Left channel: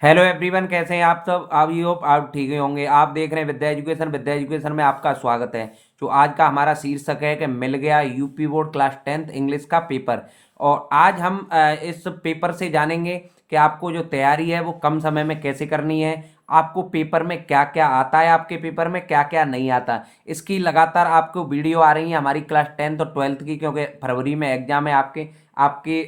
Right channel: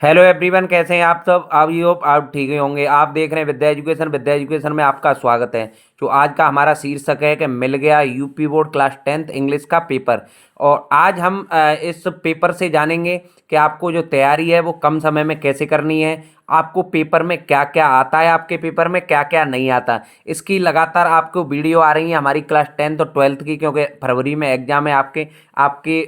Hello everyone, कैसे हैं आप सब। आई होप आप ठीक ही होंगे। आप देख रहे हैं विद्या एजुकेशन। विद्या एजुकेशन में आपका स्वागत है। जो आज का हमारा शीर्षक है कि मिल गया UP board class 10th English का पेपर। और आज हम इस पेपर से जानेंगे कि आपको जो तैयारी है वो कम समय में कैसे करनी है। आपको पेपर में क्या क्या आता है, आपके पेपर में क्या क्या नहीं आता। इसकी लगातार आपको वीडियो आ रही है हमारी क्लास 10th और 12th की, क्योंकि फरवरी में एग्जाम है आपके। आपके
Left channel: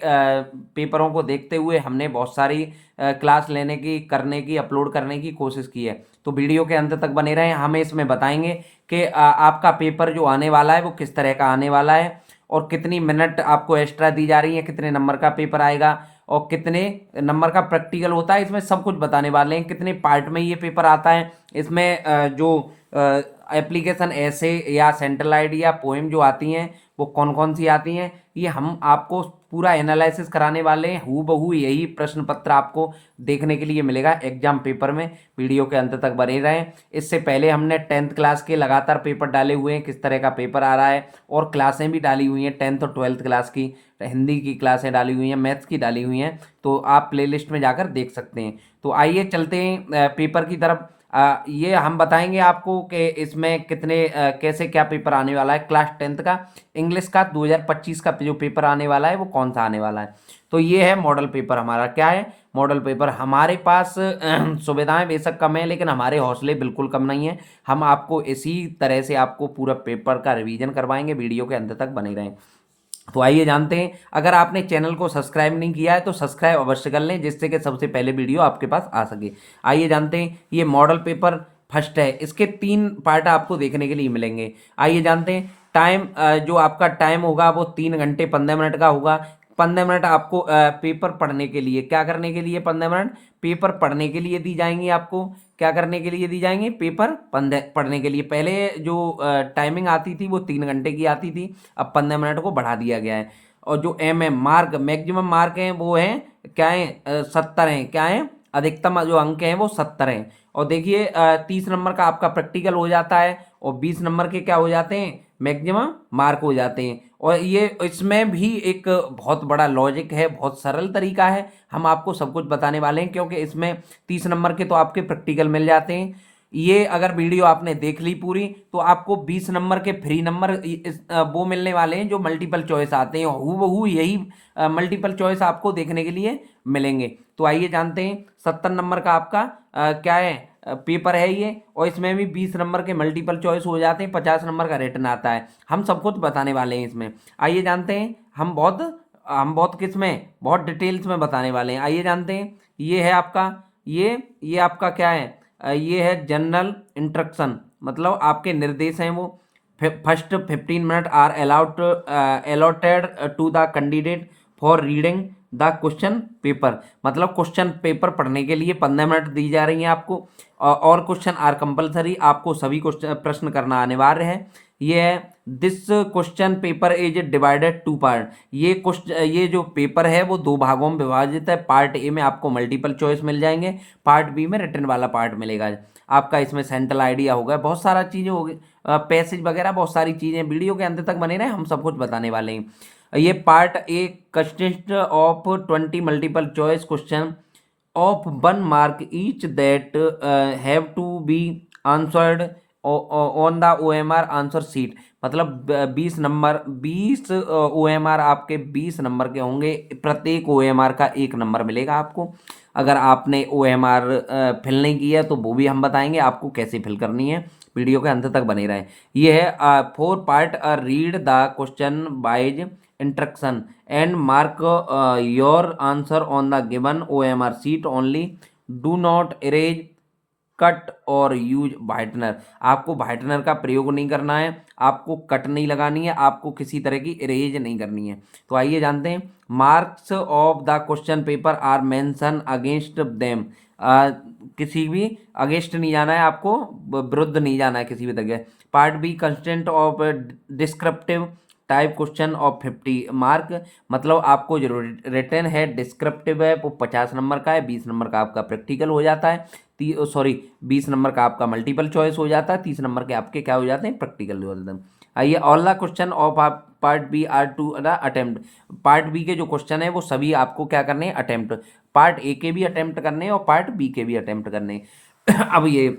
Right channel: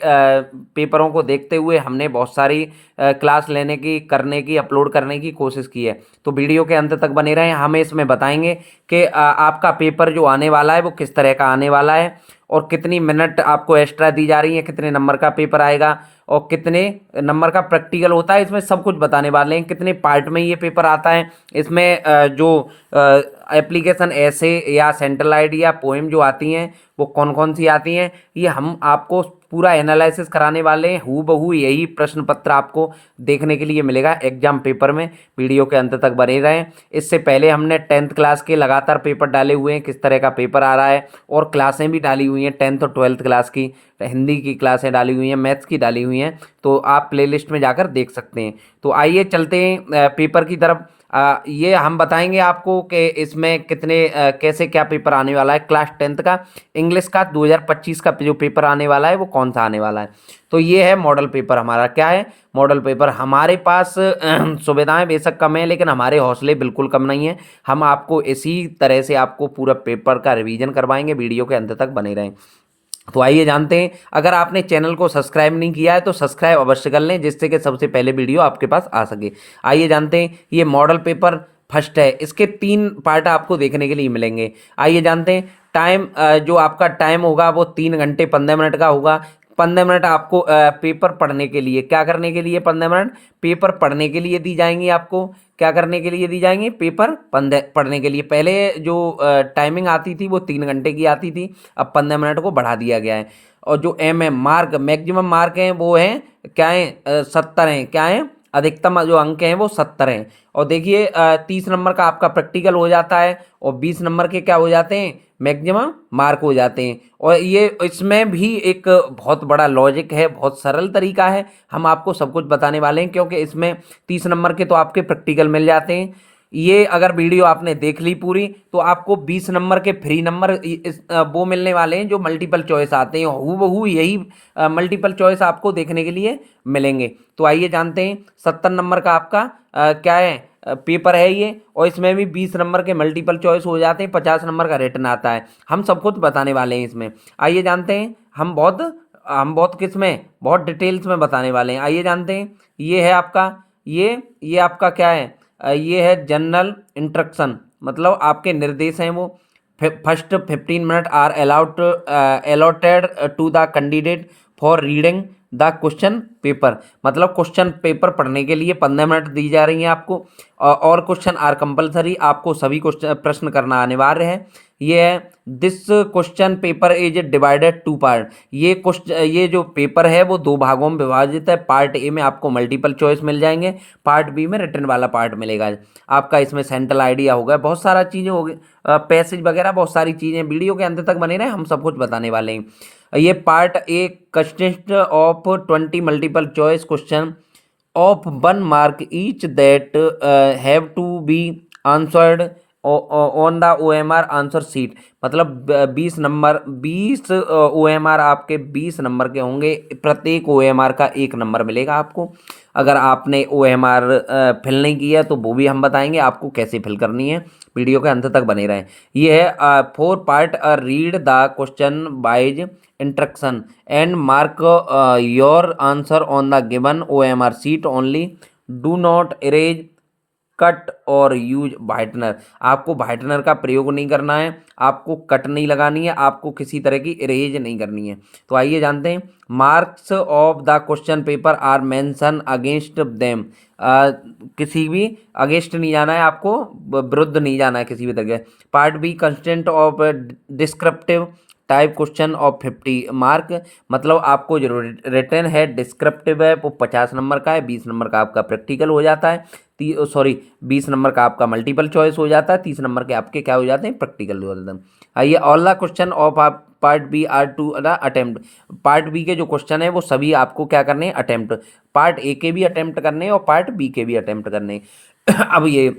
पेपरों को देखते हुए हमने बहुत सारी क्लास लेने की, करने की, अपलोड करने की कोशिश की है। तो वीडियो के अंत तक बने रहें। हम इसमें बताएंगे कि आपका पेपर जो आने वाला है वो किस तरह का आने वाला है, और कितनी मिनट आपको एक्स्ट्रा दी जा रही है, कितने नंबर का पेपर आएगा, और कितने नंबर का प्रैक्टिकल होता है। इसमें सब कुछ बताने वाले हैं। कितने पार्ट में ये पेपर आता है, इसमें जो एप्लीकेशन ऐसे या सेंट्रल आईडी या पोएम जो आती हैं वो कौन कौन सी आती हैं, ये हम आपको पूरा एनालिसिस कराने वाले हैं। हूबहू यही प्रश्न पत्र आपको देखने के लिए मिलेगा एग्जाम पेपर में। वीडियो के अंत तक बने रहें। इससे पहले हमने 10th क्लास के लगातार पेपर डाले हुए हैं, किस तरह का पेपर आ रहा है, और क्लासें भी डाली हुई हैं 10th और 12th क्लास की। हिंदी की क्लासें डाली हुई हैं, मैथ्स की डाली हुई हैं, तो आप प्लेलिस्ट में जाकर देख सकते हैं। तो आइए चलते हैं पेपर की तरफ। ये हम बताएंगे आपको कि इसमें कितने कैसे क्या पेपर आने वाला है। क्लास 10th का इंग्लिश का 2025 का जो पेपर आने वाला है वो कौन सा आने वाला है। तो ये है मॉडल पेपर हमारा। क्या है मॉडल पेपर? हमारे पास सुविधाएं बेशक कम है, लेकिन हमारे हौसले बिल्कुल कम नहीं है। हम आपको इसी तरह से आपको पूरा पेपर का रिवीजन करवाएंगे। वीडियो के अंत तक बने रहें। तो आइए जानते हैं। अगर आपने चैनल को सब्सक्राइब नहीं किया है तो सब्सक्राइब अवश्य कर लें, जिससे कि सबसे पहले वीडियो आपके पास आ सके। आइए जानते हैं। ये मॉडल पेपर फर्स्ट है। इसके 3 पार्ट आपको देखने के लिए मिलेंगे। आइए जानते हैं। टाइम, जो आपका टाइम होगा वो 3 घंटे 15 मिनट का होगा। 15 मिनट आपको पेपर पढ़ने के लिए, क्या करने के लिए 15 मिनट पेपर पढ़ने के लिए दी जाएंगी। आपको क्या करने के लिए दी जाएंगी? पेपर पढ़ने के लिए। पहले जो टाइमिंग आती थी वो 3 घंटे की आती थी, अब 15 मिनट को बढ़ा दिया गया है। और जो मार्क, मैक्सिमम मार्क हैं वो हैं, क्या है, 70 हैं। क्या है? अधिकतम जो अंक हैं वो 70 हैं। और देखिए 30 नंबर का आपका प्रैक्टिकल हो जाता है, और 20 नंबर के क्या हो जाते हैं? मैक्सिमम मार्क हो जाते हैं। और ये इसमें भी एक बहुत बड़ा लॉजिक है, बहुत सरल तरीका है। हम आपको सब कुछ बताने वाले हैं, क्योंकि इसमें 30 नंबर के तो आपके प्रैक्टिकल मिल जाते हैं। ये अगर वीडियो आपने देख ली पूरी, तो आपको 20 नंबर के फ्री नंबर वो मिलने वाले हैं जो मल्टीपल चॉइस आते हैं। हूबहू यही मल्टीपल चॉइस आपको देखने के लिए मिलेंगे। तो आइए जानते हैं। 70 नंबर का आपका क्या है, पेपर है ये। और इसमें भी 20 नंबर के मल्टीपल चॉइस हो जाते हैं, 50 नंबर का रिटन आता है। हम सब कुछ बताने वाले हैं इसमें। आइए जानते हैं। हम बहुत किस में, बहुत डिटेल्स में बताने वाले हैं। आइए जानते हैं। ये है आपका, ये आपका क्या है, ये है जनरल इंस्ट्रक्शन, मतलब आपके निर्देश हैं वो। First 15 minute are allotted to the candidate for reading the question paper, मतलब क्वेश्चन पेपर पढ़ने के लिए 15 मिनट दी जा रही हैं आपको। और क्वेश्चन आर कंपलसरी, आपको सभी क्वेश्चन प्रश्न करना अनिवार्य है। ये है this question paper is divided to part. ये जो पेपर है वो 2 भागों में विभाजित है। पार्ट ए में आपको मल्टीपल चॉइस मिल जाएंगे, पार्ट बी में रिटन वाला पार्ट मिलेगा आपका। इसमें सेंट्रल आइडिया होगा, बहुत सारा चीज़ें होगी, पैसेज वगैरह बहुत सारी चीज़ें। वीडियो के अंत तक बने रहे, हम सब कुछ बताने वाले हैं। ये part A consist of 20 multiple choice question of 1 mark each that have to be answered on the OMR answer sheet. मतलब 20 नंबर, 20 OMR आपके 20 नंबर के होंगे। प्रत्येक OMR का 1 नंबर मिलेगा आपको। अगर आपने OMR फिल नहीं किया तो वो भी हम बताएंगे आपको कैसे फिल करनी है। वीडियो के अंत तक बने रहें। ये है 4 part. Read the question wise instruction and mark your answer on the given OMR sheet only. Do not erase, cut और यूज वाइटनर। आपको वाइटनर का प्रयोग नहीं करना है, आपको कट नहीं लगानी है, आपको किसी तरह की इरेज नहीं करनी है। तो आइए जानते हैं। Marks of the question paper are mention against them. किसी भी अगेंस्ट नहीं जाना है आपको, विरुद्ध नहीं जाना है किसी भी तरह। Part B constant of descriptive type question of 50 mark. मतलब आपको जो रिटर्न है डिस्क्रिप्टिव है वो 50 नंबर का है, 20 नंबर का आपका प्रैक्टिकल हो जाता है। 20 नंबर का आपका मल्टीपल चॉइस हो जाता है, 30 नंबर के आपके क्या हो जाते हैं, प्रैक्टिकल हो जाते हैं। आइए ऑल द क्वेश्चन ऑफ आप part B are to attempt. Part B के जो क्वेश्चन है वो सभी आपको क्या करने हैं, अटेम्प्ट। पार्ट ए के भी अटेम्प्ट करने हैं और पार्ट बी के भी अटेम्प्ट करने हैं। अब ये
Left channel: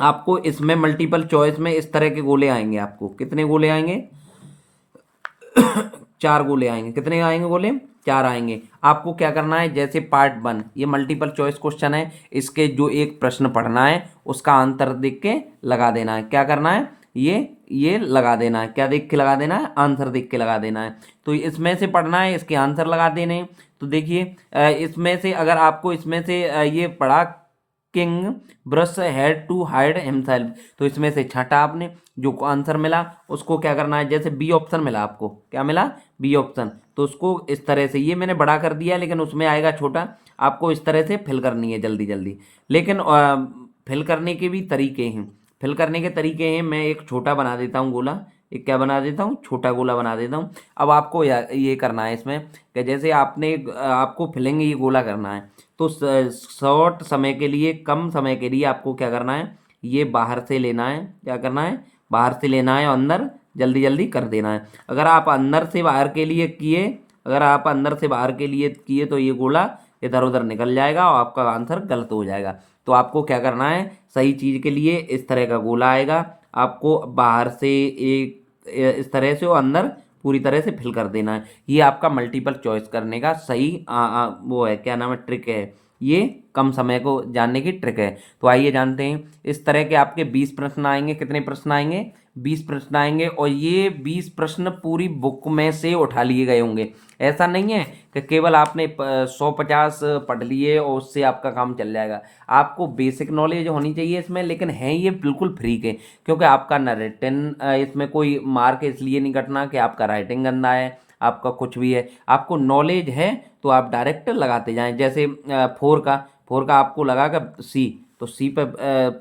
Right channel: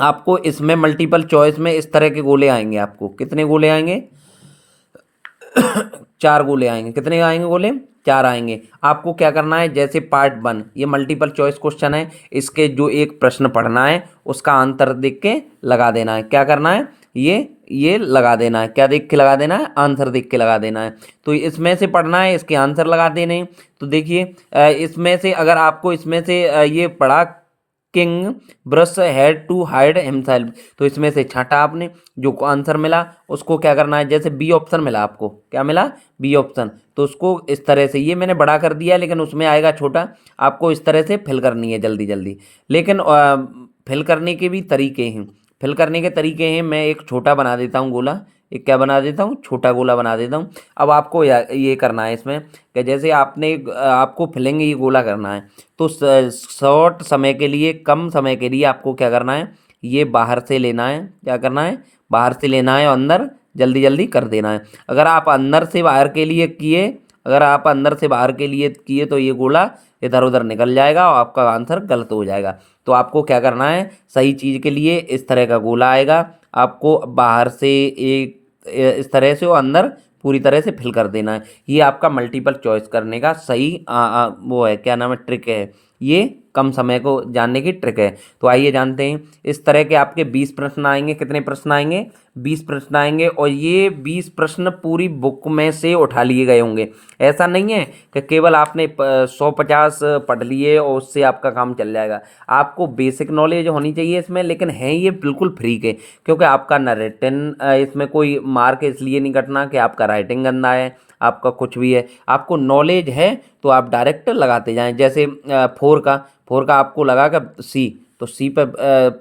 आपको इसमें मल्टीपल चॉइस में इस तरह के गोले आएंगे। आपको कितने गोले आएंगे, 4 गोले आएंगे। कितने आएंगे गोले, 4 आएंगे। आपको क्या करना है, जैसे पार्ट 1 ये मल्टीपल चॉइस क्वेश्चन है, इसके जो एक प्रश्न पढ़ना है उसका आंसर देख के लगा देना है। क्या करना है, ये लगा देना है। क्या देख के लगा देना है, आंसर देख के लगा देना है। तो इसमें से पढ़ना है, इसके आंसर लगा देने हैं। तो देखिए इसमें से अगर आपको इसमें से ये पढ़ा, King Bruce had to hide himself, तो इसमें से छाटा आपने, जो आंसर मिला उसको क्या करना है, जैसे बी ऑप्शन मिला आपको, क्या मिला, बी ऑप्शन, तो उसको इस तरह से, ये मैंने बड़ा कर दिया लेकिन उसमें आएगा छोटा, आपको इस तरह से फिल करनी है जल्दी जल्दी। लेकिन फिल करने के भी तरीके हैं, फिल करने के तरीके हैं। मैं एक छोटा बना देता हूँ गोला, एक क्या बना देता हूँ, छोटा गोला बना देता हूँ। अब आपको ये करना है इसमें कि जैसे आपने आपको फिलिंग ये गोला करना है, तो शॉर्ट समय के लिए, कम समय के लिए आपको क्या करना है, ये बाहर से लेना है। क्या करना है, बाहर से लेना है और अंदर जल्दी जल्दी कर देना है। अगर आप अंदर से बाहर के लिए किए, अगर आप अंदर से बाहर के लिए किए तो ये गोला इधर उधर निकल जाएगा और आपका आंसर गलत हो जाएगा। तो आपको क्या करना है, सही चीज़ के लिए इस तरह का गोला आएगा, आपको बाहर से एक इस तरह से और अंदर पूरी तरह से फिल कर देना है। ये आपका मल्टीपल चॉइस करने का सही वो है, क्या नाम है, ट्रिक है। ये कम समय को जानने की ट्रिक है। तो आइए जानते हैं। इस तरह के आपके 20 प्रश्न आएंगे। कितने प्रश्न आएंगे, 20 प्रश्न आएंगे। और ये 20 प्रश्न पूरी बुक में से उठा लिए गए होंगे। ऐसा नहीं है कि केवल आपने 150 पढ़ लिए और उससे आपका काम चल जाएगा। आपको बेसिक नॉलेज होनी चाहिए इसमें, लेकिन है ये बिल्कुल फ्री के, क्योंकि आपका न रिटन इसमें कोई मार्क इसलिए नहीं कटना कि आपका राइटिंग गंदा है, आपका कुछ भी है। आपको नॉलेज है तो आप डायरेक्ट लगाते जाएं। जैसे 4 का आपको लगा कि सी, तो सी पे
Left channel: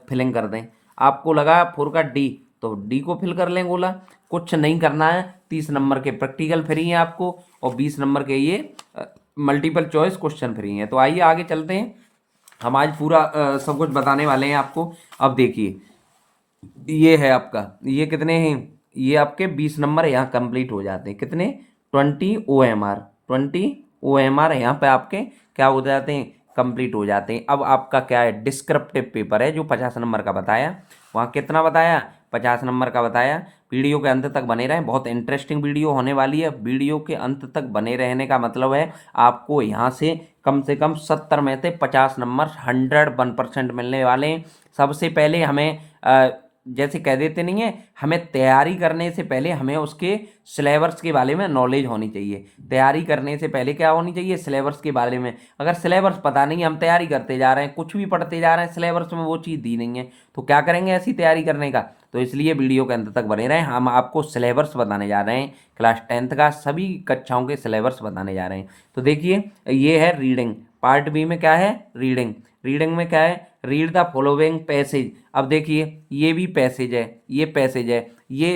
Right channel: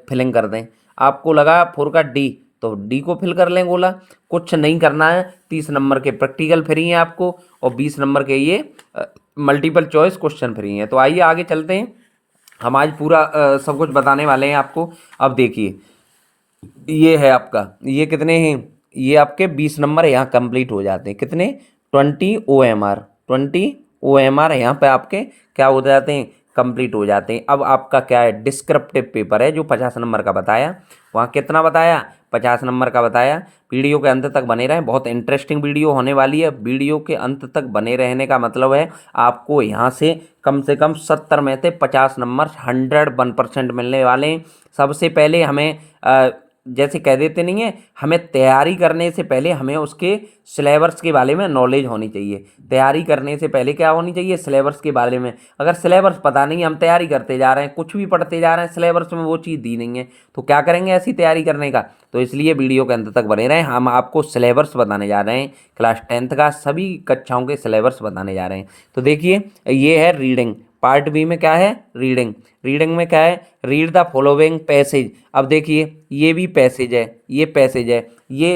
फिलिंग कर दें। आपको लगा 4 का डी, तो डी को फिल कर लें गोला। कुछ नहीं करना है। 30 नंबर के प्रैक्टिकल फ्री हैं आपको और 20 नंबर के ये मल्टीपल चॉइस क्वेश्चन फ्री हैं। तो आइए आगे चलते हैं। हम आज पूरा सब कुछ बताने वाले हैं आपको। अब देखिए ये है आपका, ये कितने हैं, ये आपके 20 नंबर यहाँ कंप्लीट हो जाते हैं। कितने, 20 OMR, 20 OMR यहाँ पे आपके क्या हो जाते हैं, कंप्लीट हो जाते हैं। अब आपका क्या है, डिस्क्रिप्टिव पेपर है जो 50 नंबर का बताया, वहाँ कितना बताया, 50 नंबर का बताया। वीडियो के अंत तक बने रहें, बहुत इंटरेस्टिंग वीडियो होने वाली है। वीडियो के अंत तक बने रहने का मतलब है आपको यहाँ से कम 70 में से 50 नंबर 101% मिलने वाले हैं। सबसे पहले हमें जैसे कह देते नहीं है, हमें तैयारी करने से पहले हमें उसके सिलेबस के बारे में नॉलेज होनी चाहिए। तैयारी करने से पहले क्या होनी चाहिए, सिलेबस के बारे में। अगर सिलेबस पता नहीं, हम तैयारी करते जा रहे हैं, कुछ भी पढ़ते जा रहे हैं, सिलेबस में वो चीज़ दी नहीं है, तो क्या करेंगे ऐसी तैयारी करने का। तो इसलिए वीडियो के अंत तक बने रहें। हम आपको सिलेबस बताने जा रहे हैं, क्लास 10th का सभी कक्षाओं के सिलेबस बताने जा रहे हैं। तो देखिए ये है रीडिंग, पार्ट बी में क्या है, रीडिंग। रीडिंग में क्या है, रीड द फॉलोइंग पैसेज। अब देखिए ये भी पैसेज है, ये पैसेज है, ये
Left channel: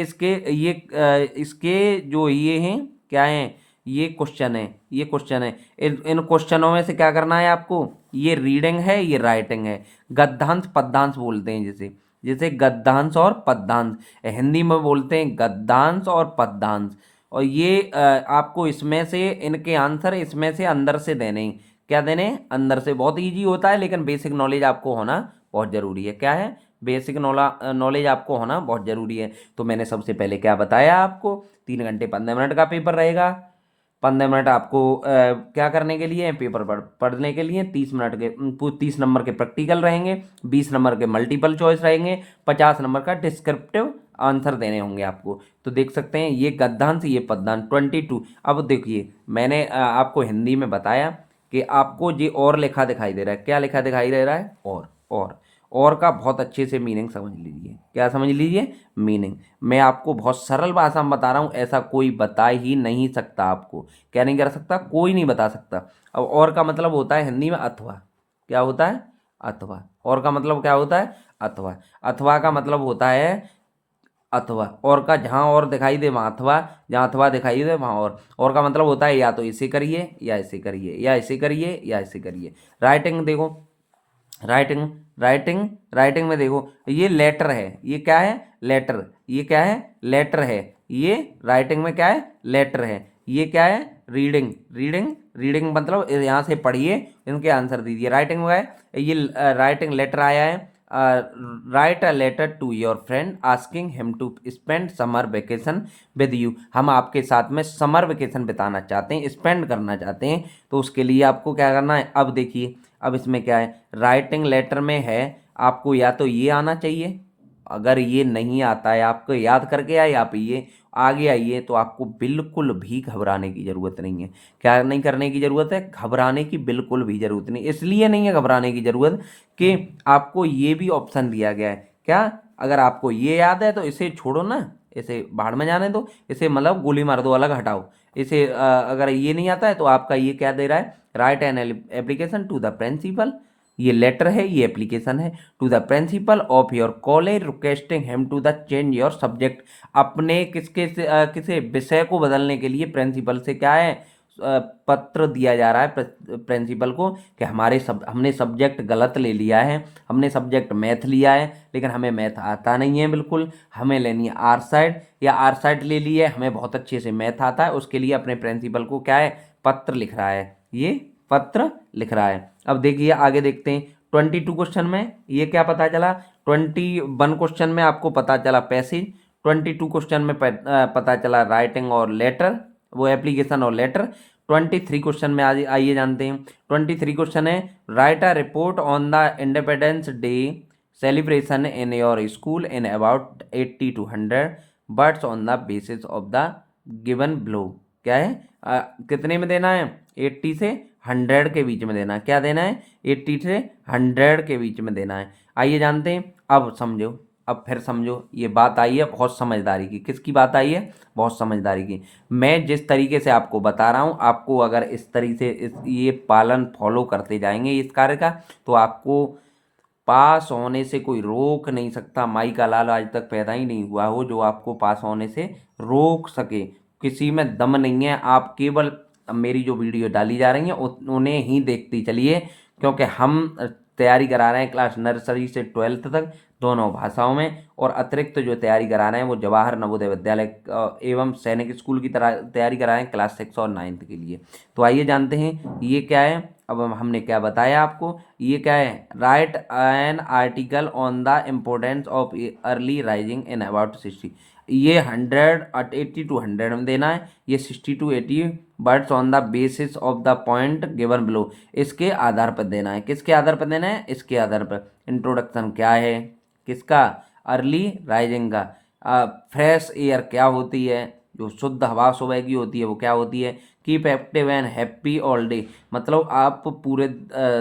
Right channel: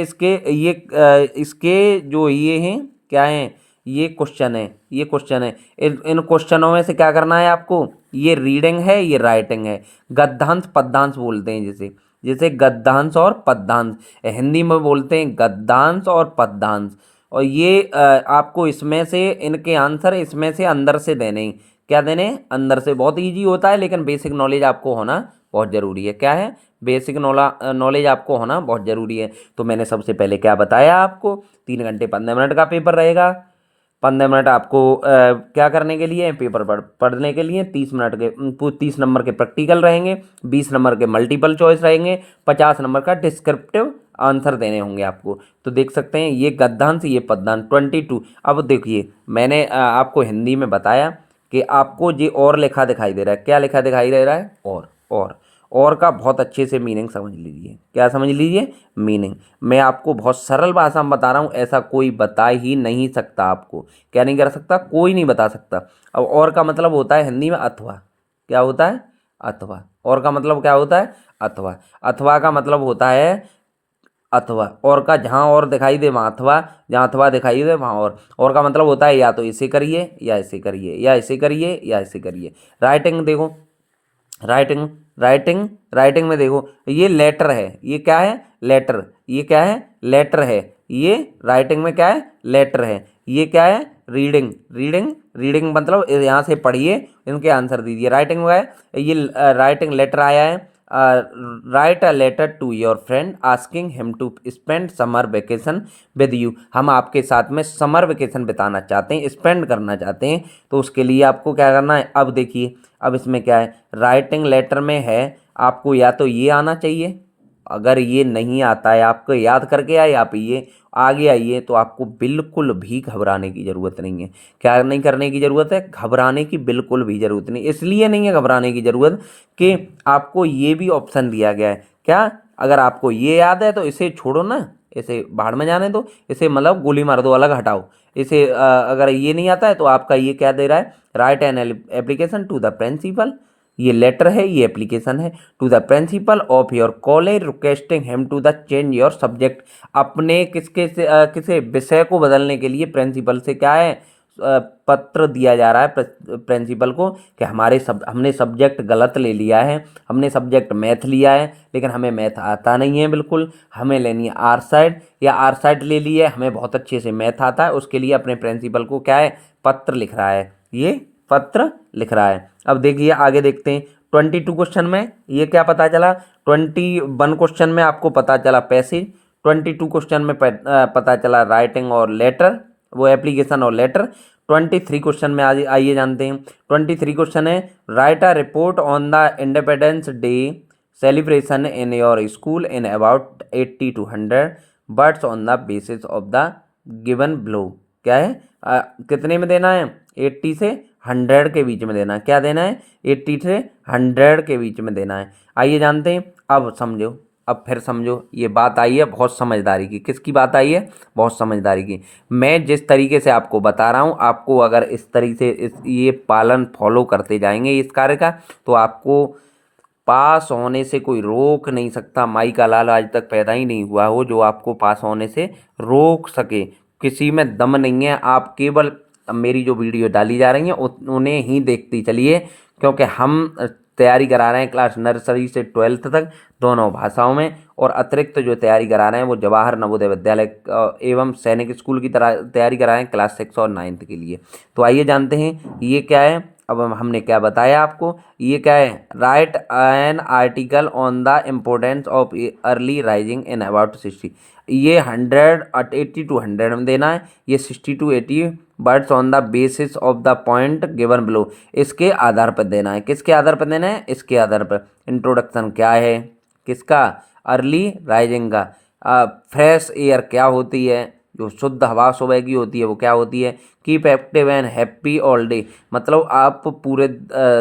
इसके जो ये हैं क्या हैं, ये क्वेश्चन है, ये क्वेश्चन है। इन क्वेश्चनों में से क्या करना है आपको, ये रीडिंग है, ये राइटिंग है। गद्यांश पद्यांश बोलते हैं जैसे, जैसे गद्यांश और पद्यांश, हिंदी में बोलते हैं गद्यांश और पद्यांश। और ये आपको इसमें से इनके आंसर इसमें से अंदर से देने हैं। क्या देने, अंदर से। बहुत इजी होता है, लेकिन बेसिक नॉलेज आपको होना बहुत ज़रूरी है। क्या है, बेसिक नॉलेज आपको होना बहुत ज़रूरी है। तो मैंने सबसे पहले क्या बताया आपको, 3 घंटे 15 मिनट का पेपर रहेगा। 15 मिनट आपको क्या करने के लिए, पेपर पढ़ने के लिए। 30 मिनट के 30 नंबर के प्रैक्टिकल रहेंगे, 20 नंबर के मल्टीपल चॉइस रहेंगे, 50 नंबर का डिस्क्रिप्टिव आंसर देने होंगे आपको। तो देख सकते हैं ये गद्यांश, ये पद्यांश 22। अब देखिए मैंने आपको हिंदी में बताया कि आपको ये और लिखा दिखाई दे रहा है। क्या लिखा दिखाई दे रहा है, और का बहुत अच्छे से मीनिंग समझ लीजिए। क्या समझ लीजिए, मीनिंग। मैं आपको बहुत सरल भाषा में बता रहा हूँ, ऐसा कोई बता ही नहीं सकता आपको। क्या नहीं कर सकता, कोई नहीं बता सकता। अब और का मतलब होता है हिंदी में अथवा। क्या होता है, अथवा। और का मतलब क्या होता है, अथवा। अथवा का मतलब होता है अथवा। और का जहाँ और दिखाई दे वहाँ अथवा, जहाँ अथवा दिखाई दे वहाँ और का मतलब होता है या तो इसे करिए या इसे करिए, या इसे करिए या इसे करिए। राइटिंग देखो, राइटिंग राइटिंग में देखो, ये लेटर है, ये क्या है, लेटर। ये क्या है, लेटर है। ये राइटिंग में क्या है, लेटर है। ये क्या है, रीडिंग। रीडिंग, रीडिंग मतलब यहाँ से पढ़िए, इनके आंसर दीजिए। राइटिंग में है, ये राइटिंग लेटर आया है। Write a letter to your friend asking him to spend summer vacation with you. हम आपके साथ में समर वेकेशन बिताना चाहते हैं, स्पेंड करना चाहते हैं, तो उसके लिए आपको क्या करना है। अब देखिए, अब इसमें क्या है, राइटिंग लेटर में है, आपको या तो ये आना चाहिए, अगर ये नहीं आता है, आपको याद करके आए आप ये आगे आइए, तो आपको बिल्कुल भी घबराने की ज़रूरत नहीं है। क्या नहीं करने की ज़रूरत है, घबराने की बिल्कुल भी ज़रूरत नहीं। इसलिए नहीं है घबराने की ज़रूरत कि आपको ये भी ऑप्शन दिया गया है। क्या, अगर आपको ये याद है तो इसे छोड़ो ना, इसे बाहर में जाने दो, इसे मतलब गोली मार दो, अलग हटाओ इसे। अगर ये नहीं आता है तो आपका ये क्या दे रहा है, write an application to the principal. ये लेटर है, ये एप्लीकेशन है। To the principal of your college requesting him to the change your subject. अपने किसके से किसे विषय को बदलने के लिए प्रिंसिपल से क्या है, पत्र दिया जा रहा है प्रिंसिपल को कि हमने सब्जेक्ट गलत ले लिया है। हमने सब्जेक्ट मैथ लिया है, लेकिन हमें मैथ आता नहीं है बिल्कुल, हमें लेनी है आर साइड, या आर साइड ले ली है, हमें बहुत अच्छे से मैथ आता है। उसके लिए अपने प्रिंसिपल को क्या है, पत्र लिख रहा है, ये पत्र लिख रहा है। अब देखिए आगे देखते हैं। 22 क्वेश्चन में ये क्या पता चला, 21 क्वेश्चन में आपको पता चला पैसे, 22 क्वेश्चन में पता चला राइटिंग और लेटर, वो एप्लीकेशन और लेटर। 23 क्वेश्चन में आइए जानते हैं। 23 क्वेश्चन है, write a report on the independence day celebration in your school in about 80 to 100 words on the basis of the given below. क्या है, कितने में देना है, 80 से 100 के बीच में देना है। क्या देना है, 80 से 100 के बीच में देना है। आइए जानते हैं। अब समझो, अब फिर समझो, ये बात आई है बहुत समझदारी की। किसकी बात आई है, बहुत समझदारी की। मैं जिस तरीके से आपको बता रहा हूँ, आपको अगर इस तरीके से ये पालन फॉलो करते जाएंगे इस कार्य का, तो आपको पास होने से कोई रोक नहीं सकता। माई का लाल आज तक पैदा ही नहीं हुआ हो जो आपको पास होने से रोक सके। किसी में दम नहीं है। आप केवल मेरी जो वीडियो डाली जा रही हैं उन्हें ही देखती चलिए, क्योंकि हम तैयारी करा रहे हैं क्लास नर्सरी से 12th तक दोनों भाषाओं में, और अतिरिक्त जो तैयारी करा रहे हैं वो जवाहर नवोदय विद्यालय एवं सैनिक स्कूल की तरह तैयारी करा रहे हैं क्लास 6 और 9th के लिए। तो आइए जानते हैं ये क्या है। अब हमने क्या बताया आपको, ये क्या है, write an article on the importance of early rising in about 60। ये 80 to 100 में देना है। ये 60 to 80 words on the basis of the point given below, इसके आधार पर देना है। किसके आधार पर देना है, इसके आधार पर। इंट्रोडक्शन क्या है, किसका, अर्ली राइजिंग का। फ्रेश एयर क्या होती है, जो शुद्ध हवा सुबह की होती है वो क्या होती है। Keep active and happy all day, मतलब आप पूरे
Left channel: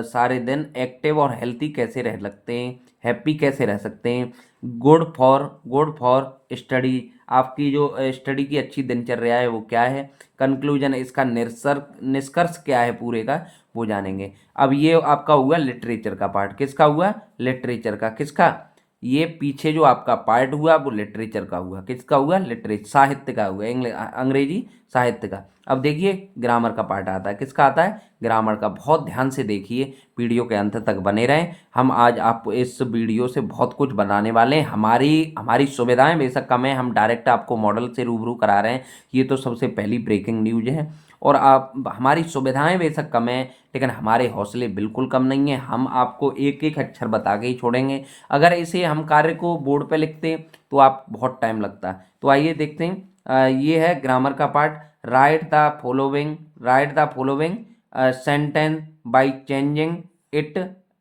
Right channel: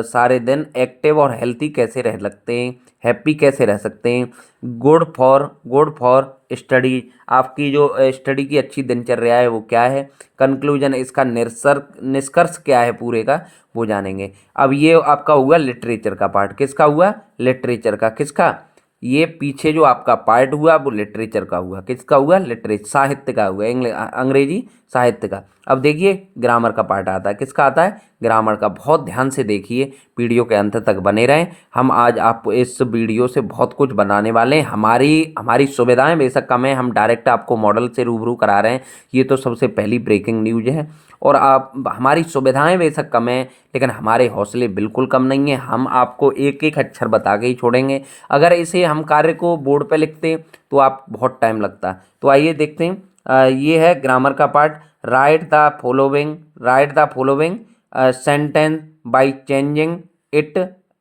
सारे दिन एक्टिव और हेल्थी कैसे रह सकते हैं, हैप्पी कैसे रह सकते हैं। गुड फॉर स्टडी, आपकी जो स्टडी की अच्छी दिनचर्या है वो क्या है। कंक्लूजन, इसका निष्कर्ष क्या है पूरे का, वो जानेंगे। अब ये आपका हुआ लिटरेचर का पार्ट। किसका हुआ, लिटरेचर का। किसका, ये पीछे जो आपका पार्ट हुआ वो लिटरेचर का हुआ। किसका हुआ, लिटरेचर, साहित्य का हुआ, अंग्रेजी साहित्य का। अब देखिए ग्रामर का पार्ट आता है। किसका आता है, ग्रामर का। बहुत ध्यान से देखिए, वीडियो के अंत तक बने रहें। हम आज आपको इस वीडियो से बहुत कुछ बनाने वाले हैं। हमारी हमारी सुविधाएं बेशक कम है, हम डायरेक्ट आपको मॉडल से रूबरू करा रहे हैं। ये तो सबसे पहली ब्रेकिंग न्यूज है। और आप, हमारी सुविधाएं बेशक कम है, लेकिन हमारे हौसले बिल्कुल कम नहीं है। हम आपको एक एक अक्षर बता के ही छोड़ेंगे। अगर इसे हम कार्य को बोर्ड पे लिखते तो आप बहुत टाइम लगता। तो आइए देखते हैं। ये है ग्रामर का part. Right the following sentence by changing it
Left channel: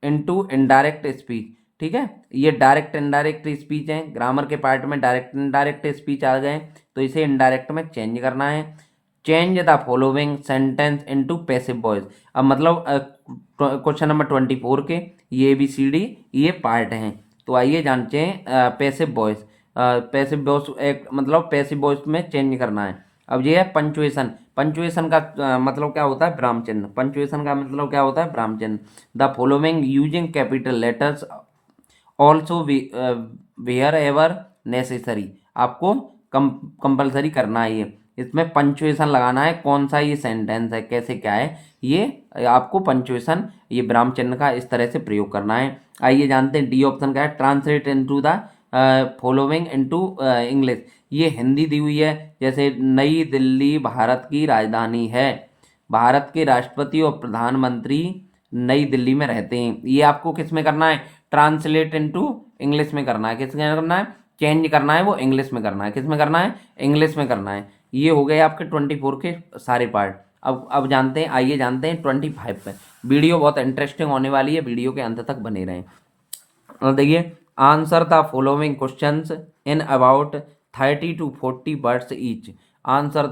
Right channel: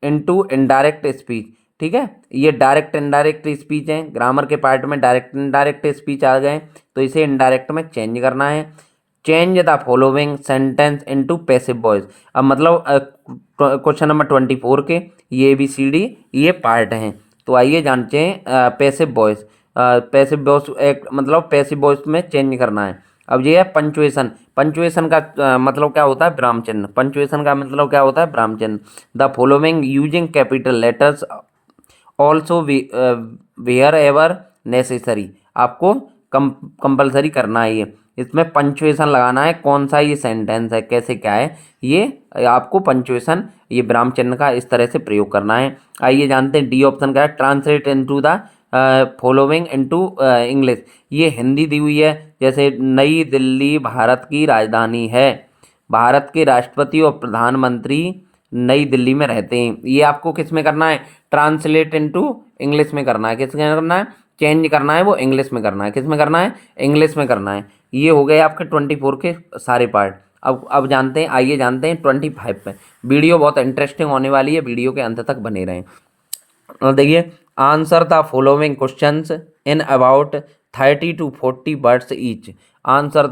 into indirect speech. ठीक है, ये डायरेक्ट इनडायरेक्ट स्पीच है। ग्रामर के पार्ट में डायरेक्ट इनडायरेक्ट स्पीच आ गए, तो इसे इनडायरेक्ट में चेंज करना है। Change the following sentence into passive voice. अब मतलब क्वेश्चन नंबर 24 के ये ABCD ये पार्ट हैं। तो आइए जानते हैं पैसिव वॉइस। पैसिव वॉइस एक मतलब पैसिव वॉइस में चेंज करना है। अब ये है पंचुएशन। पंचुएशन का मतलब क्या होता है, विराम चिन्ह। पंचुएशन का मतलब क्या होता है, विराम चिन्ह। The following using capital letters also wherever necessary. आपको कंपल्सरी करना है ये। इसमें पंचुएशन लगाना है। कौन सा ये सेंटेंस है, कैसे क्या है, ये आपको पंचुएशन, ये विराम चिन्ह का इस तरह से प्रयोग करना है। आइए जानते हैं डी ऑप्शन क्या है, translate into the following into English. ये हिंदी दी हुई है, जैसे नई दिल्ली भारत की राजधानी है, भारत के राष्ट्रपति और प्रधानमंत्री नई दिल्ली में रहते हैं। ये आपको किस में करना है, ट्रांसलेट इनटू इंग्लिश में करना है। किस में करना है, चेंज करना है, वो इंग्लिश में करना है। किस में करना है, इंग्लिश में करना है। ये हो गए आपके 24 के सारे पार्ट। अब जानते हैं, आइए जानते हैं 25 पे। वीडियो बहुत इंटरेस्टिंग होने वाली है, वीडियो के अंत तक बने रहें। और देखिए, answer the following questions in about 30 to 40 words each. Answer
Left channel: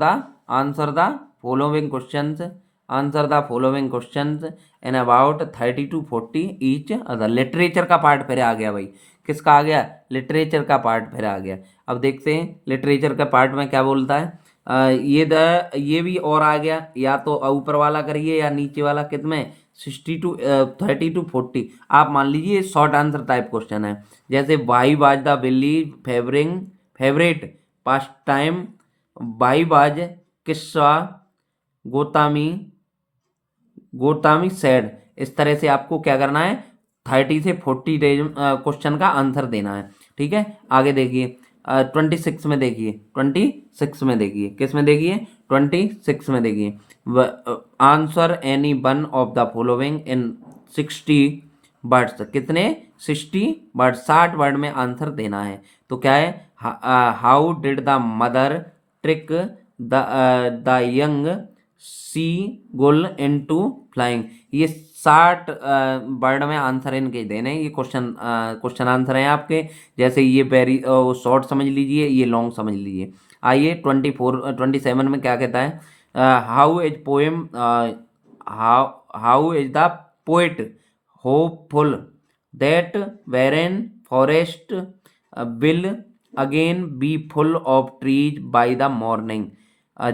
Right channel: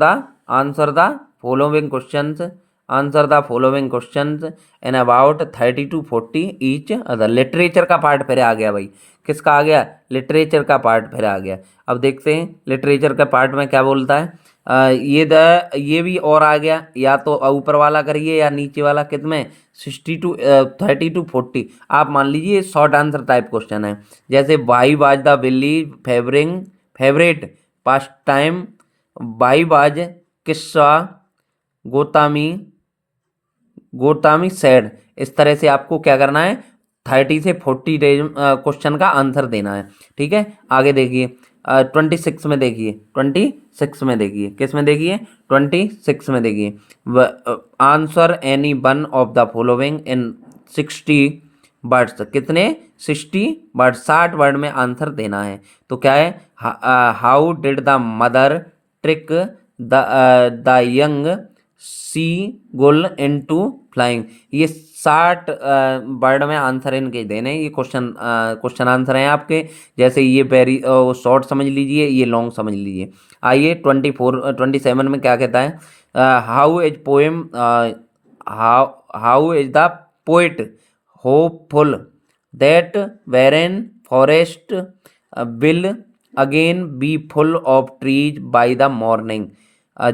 the following questions, answer the following questions in about 30 to 40 each other. Literature का पार्ट फिर आ गया भाई। किसका आ गया, लिटरेचर का पार्ट फिर आ गया। अब देखते हैं लिटरेचर का पार्ट में क्या बोलता है। ये भी और आ गया, या तो ऊपर वाला करिए या नीचे वाला, कितने 30 to 40। आप मान लीजिए शॉर्ट आंसर टाइप क्वेश्चन है, जैसे वाई वाज द बिल्ली favourite past time, why was किस्सा गोतामी गोतामी सैड। इस तरह से आपको क्या करना है, 30 से 40 क्वेश्चन का आंसर देना है। ठीक है, आगे देखिए 26 में देखिए, 26 में देखिए, किस में देखिए, 26 में देखिए। Answer any one of the following in 60 words. कितने, 60 वर्ड, 60 वर्ड में आंसर देना है। तो क्या है, how did the mother trick the young seagull into flying. ये 60 वर्ड में आंसर इनके देने। ये क्वेश्चन आंसर हैं आपके। जैसे ये वेरी शॉर्ट समझ लीजिए, ये लॉन्ग समझ लीजिए। आइए 27 में क्या कहता है, how is poem, how is the poet hopeful that barren forest will again be full of trees by the morning.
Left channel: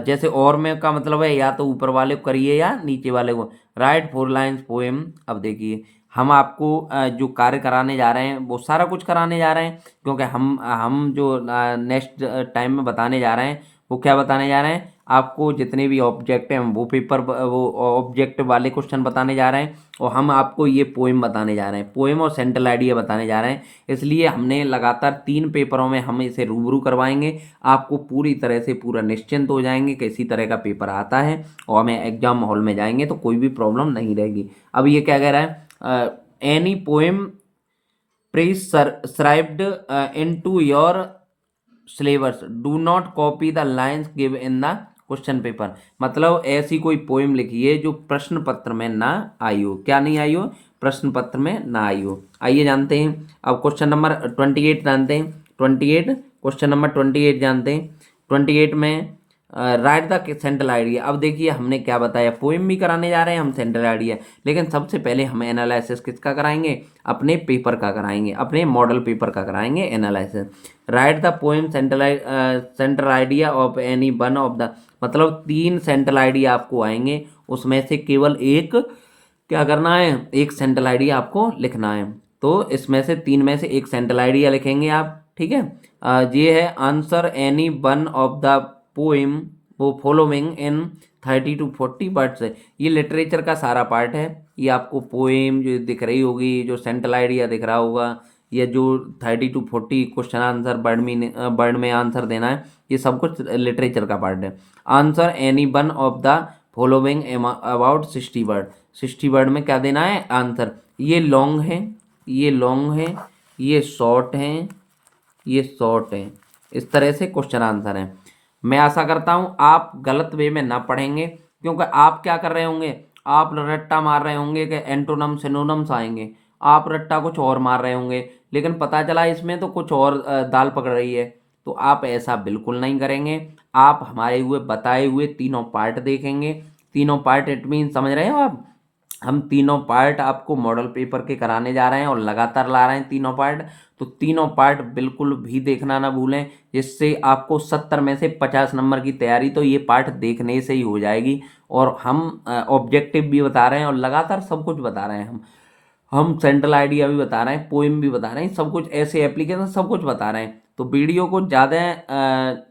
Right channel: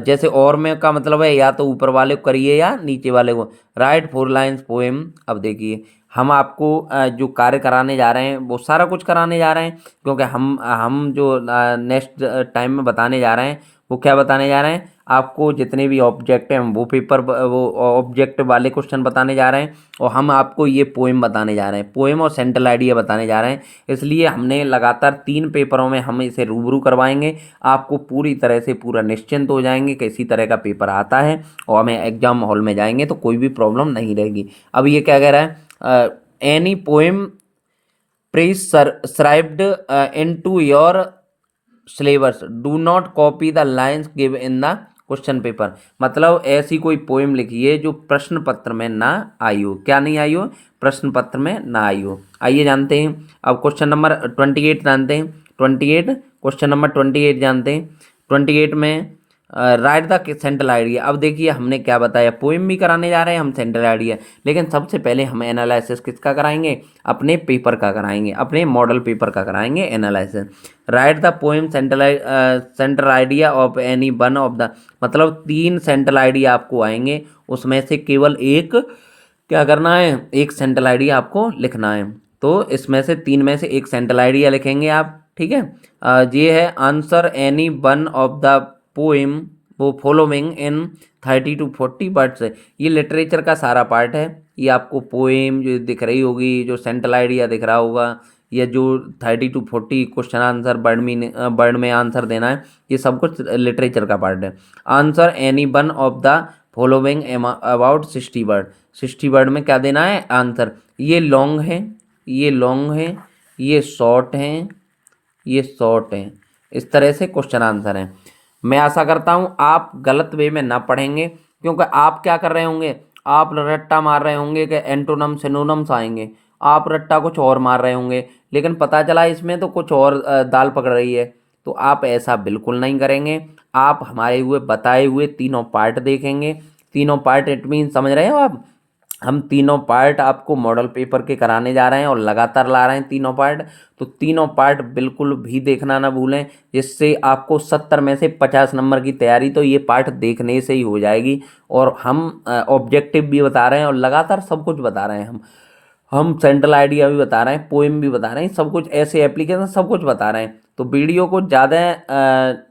जैसे और में का मतलब है, या तो ऊपर वाले को करिए या नीचे वाले को। Right 4 lines poem. अब देखिए, हम आपको जो कार्य कराने जा रहे हैं वो सारा कुछ कराने जा रहे हैं, क्योंकि हम जो नेक्स्ट टाइम में बताने जा रहे हैं वो क्या बताने जा रहे हैं, आपको जितने भी ऑब्जेक्ट हैं वो ऑब्जेक्ट वाले क्वेश्चन बताने जा रहे हैं, और हम आपको ये पोएम बताने जा रहे हैं, पोएम और सेंट्रल आइडिया बताने जा रहे हैं। इसलिए हमने लगातार 3 पेपरों में हम इसे रूबरू करवाएंगे। आपको पूरी तरह से पूरा निश्चिंत हो जाएंगे कि इसी तरह का पेपर आता है, और हमें एग्जाम हॉल में जाएंगे तो कोई भी प्रॉब्लम नहीं रहेगी। अब ये क्या कह रहा है, any poem prescribed into your syllabus do not copy the lines give in the question paper. मतलब ऐसी कोई पोएम लिखिए जो प्रश्न पत्र में ना आई हो। क्या नहीं आई हो, प्रश्न पत्र में ना आई हो। आइए जानते हैं अब क्वेश्चन नंबर 28 जानते हैं। 28 क्वेश्चन नंबर 28 जानते हैं। 28 में राइट द सेंट्रल आइडिया। अब देखिए, हमने क्या बताया, पोएम भी कराने जा रहे हैं हम, सेंट्रल आइडिया। लेकिन सबसे पहले हम एनालिसिस किसका कराएंगे, अपने पेपर का कराएंगे, अपने मॉडल पेपर का कराएंगे analysis. Right the poem central idea of any one of the. मतलब 3 सेंट्रल आइडिया आपको आएंगे, उसमें से केवल एक क्या करना है, एक सेंट्रल आइडिया आपको लिखना है। तो इसमें से 3 में से एक सेंट्रल आइडिया लिखेंगे आप। ठीक है, ये है answer any one of the poem वो फॉलोइंग इन 30 to 40 वर्ड्स। ये लिटरेचर का सारा पार्ट है। ये आपको पोएम जो दिख रही होगी, जो सेंट्रल आइडिया दिख रहा होगा, या जो 30 to 40 क्वेश्चन आंसर वर्ड में आंसर देना है, ये सब कुछ लिटरेचर का पार्ट है। Answer any one of the following about 60 word. 60 word में क्या देना है आंसर। ये लॉन्ग है, ये लॉन्ग है, ये शॉर्ट हैं, ये शॉर्ट हैं। इस तरह से क्वेश्चन आंसर हैं। मैं आशा करता हूँ आप गलत वे में ना पढ़ेंगे, क्योंकि आप क्या कर रहे होंगे, आप रट्टा मार रहे होंगे कि एंटोनम सिनोनम्स आएंगे, आप रट्टा कुछ और मार रहे होंगे, लेकिन पता चला इसमें तो कुछ और दाल पकड़ रही है। तो आप ऐसा बिल्कुल नहीं करेंगे। आप हमारे हुए बताए हुए तीनों पार्ट देखेंगे। तीनों पार्ट इट मीन समझ रहे हो आप, हम तीनों पार्ट आपको मॉडल पेपर के कराने जा रहे हैं और लगातार ला रहे हैं तीनों पार्ट। तो तीनों पार्ट बिल्कुल भी देखना ना भूलें, जिससे आपको 70 में से 50 नंबर की तैयारी तो ये पार्ट देखने से ही हो जाएगी। और हम ऑब्जेक्टिव भी बता रहे हैं और लगातार सब कुछ बता रहे हैं। हम सेंट्रल आइडिया भी बता रहे हैं, पोएम भी बता रहे हैं, सब कुछ ऐसे एप्लीकेशन सब कुछ बता रहे हैं। तो वीडियो को ज़्यादा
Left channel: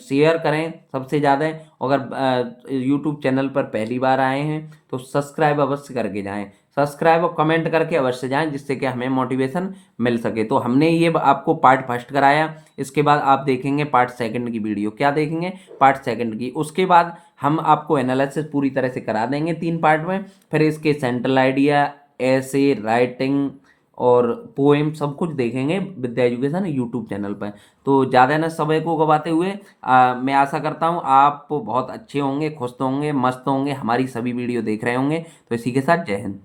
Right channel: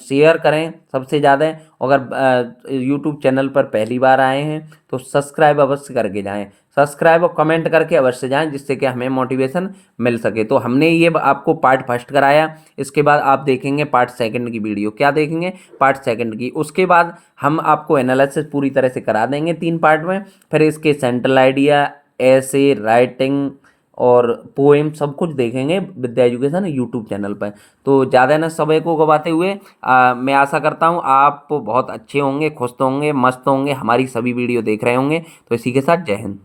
शेयर करें सबसे ज़्यादा। अगर यूट्यूब चैनल पर पहली बार आए हैं तो सब्सक्राइब अवश्य करके जाएं। सब्सक्राइब और कमेंट करके अवश्य जाएं, जिससे कि हमें मोटिवेशन मिल सके। तो हमने ये आपको पार्ट फर्स्ट कराया, इसके बाद आप देखेंगे पार्ट सेकंड की वीडियो। क्या देखेंगे? पार्ट सेकंड की। उसके बाद हम आपको एनालिसिस पूरी तरह से करा देंगे 3 पार्ट में। फिर इसके सेंट्रल आइडिया, ऐसे, राइटिंग और पोएम सब कुछ देखेंगे विद्या एजुकेशन यूट्यूब चैनल पर। तो ज़्यादा न समय को गवाते हुए मैं आशा करता हूँ आप बहुत अच्छे होंगे, खुश होंगे, मस्त होंगे, हमारी सभी वीडियो देख रहे होंगे। तो इसी के साथ जय हिंद।